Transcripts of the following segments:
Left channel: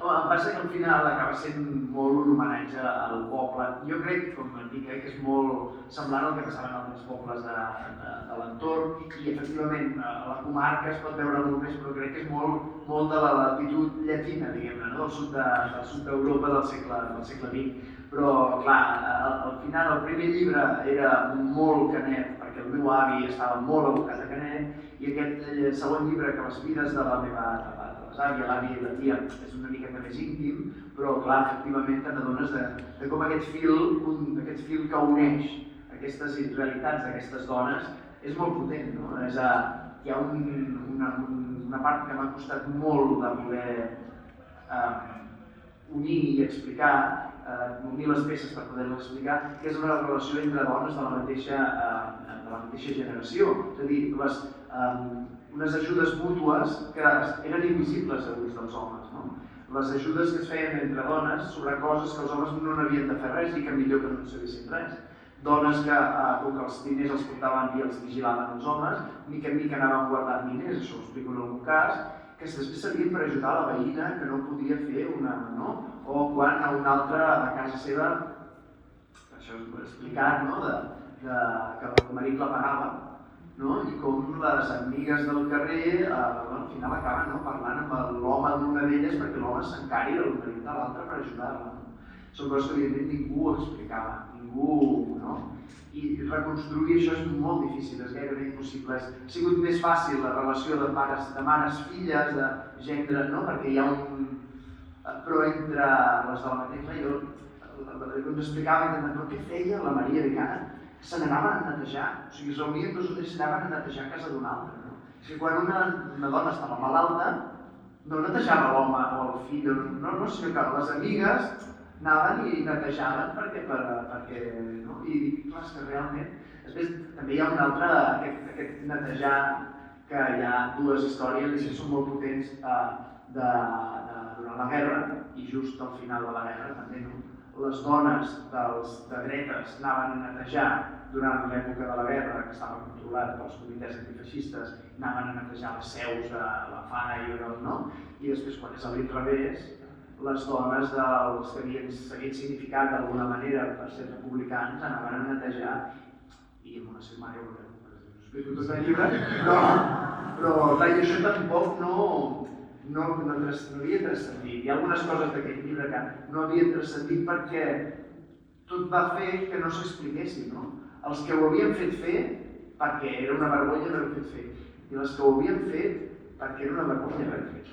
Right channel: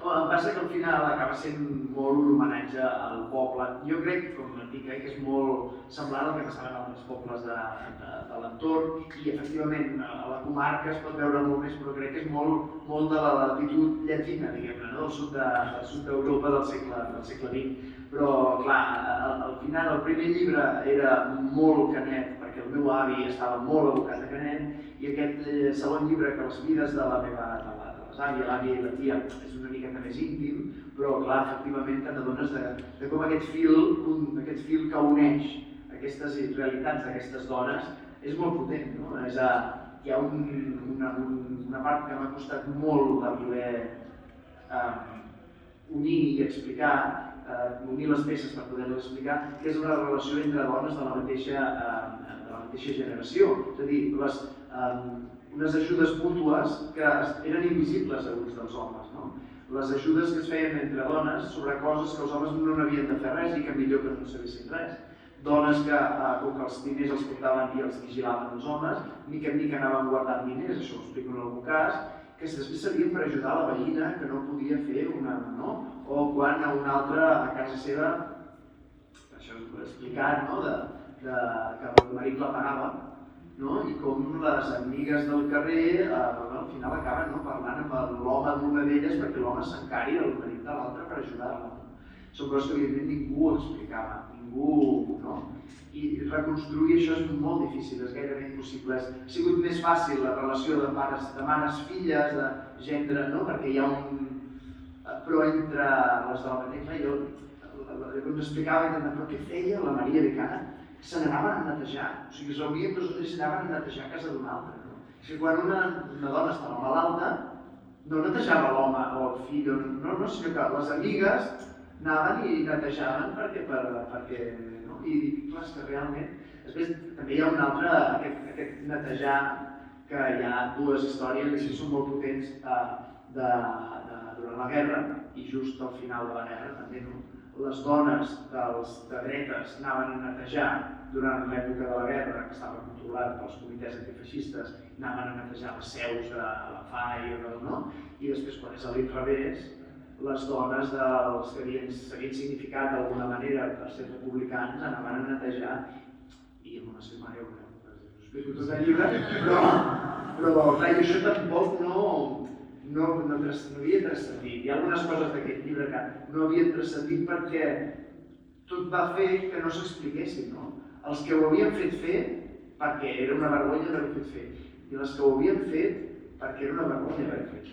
Em passa que al final acaba sent molt un homenatge al poble. Jo crec, com et dic, que és molt semblant al que passava en altres pobles de l'entorn i efectivament a la comarca es pot veure molt més, però crec que és molt de la latitud llatina, diguem-ne, no? Del sud d'Europa del segle XX. Però, clar, al final el primer llibre era molt Canet, perquè el meu avi estava molt abocat a Canet, i aquest segon llibre, que les vides de la meva l'avi, l'avi i la tia, és una miqueta més íntim, però clar, efectivament te n'adones de com aquest fil que uneix aquestes realitats d'aquestes dones és molt potent, no? Hi ha una part que m'ha costat molt de poder unir i explicar, unir les peces per poder-les explicar, que és la relació entre dones de la mateixa generació. És a dir, unes ajudes mútues que eren invisibles a ulls dels homes. Les ajudes que es feien entre dones sobre coses que els homes no n'havien de fer res i que millor que no en sabessin res. Dones que, com que els diners els portaven i els vigilaven els homes, mica en mica anaven guardant diners, això ho explico en algun cas, que després servien per ajudar la veïna que no podia fer una, no? O quan a una altra a casa seva, això és explicat, no? Que el marit la pagava, no? I com les amigues del carrer al final acaben parlant amb l'home d'una d'elles perquè l'home s'encari el marit de l'altre per ajudar-la. Són coses que evidentment ningú explicava, ningú, no? I reconstruir això és molt difícil, és gairebé impossible. Ha sigut més fàcil la relació de mares-filles, de gendre, no? Perquè hi ha però entre les de la mateixa, jo m'explicava però què feia la Maria de Cana? Se n'anaven a netejar, o sigui, es reunien dos o tres i anaven a netejar a casa d'una altra. És que quan una dona estava malalta, no netejava l'home o el fill, no, sinó que les amigues anaven i netejaven perquè i dic, clar, és que realment... Després també hi ha un altre, aquest netejar, que hi ha dues històries que són molt potents durant la guerra i just al final de la guerra també, no? Les dones de dretes anaven a netejar durant l'època de la guerra, que estava controlada pels comitès antifeixistes, anaven a netejar les seus a la FAI, no? I després, quan és a l'inrevés, les dones dels que s'havien significat d'alguna manera per ser republicans anaven a netejar, i amb una setmana ho explico tot el llibre, però clar, i això tampoc no havia transcendit. Hi ha algunes coses d'aquest llibre que no havien transcendit perquè tot va fer que no s'expliquessin, no? Els que ho havien fet fer perquè era una vergonya haver-ho fet fer, i les que ho havien fet perquè era una vergonya haver-ho fet.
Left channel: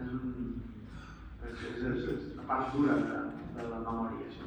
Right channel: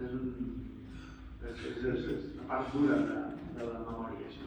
És una part dura de la memòria, això.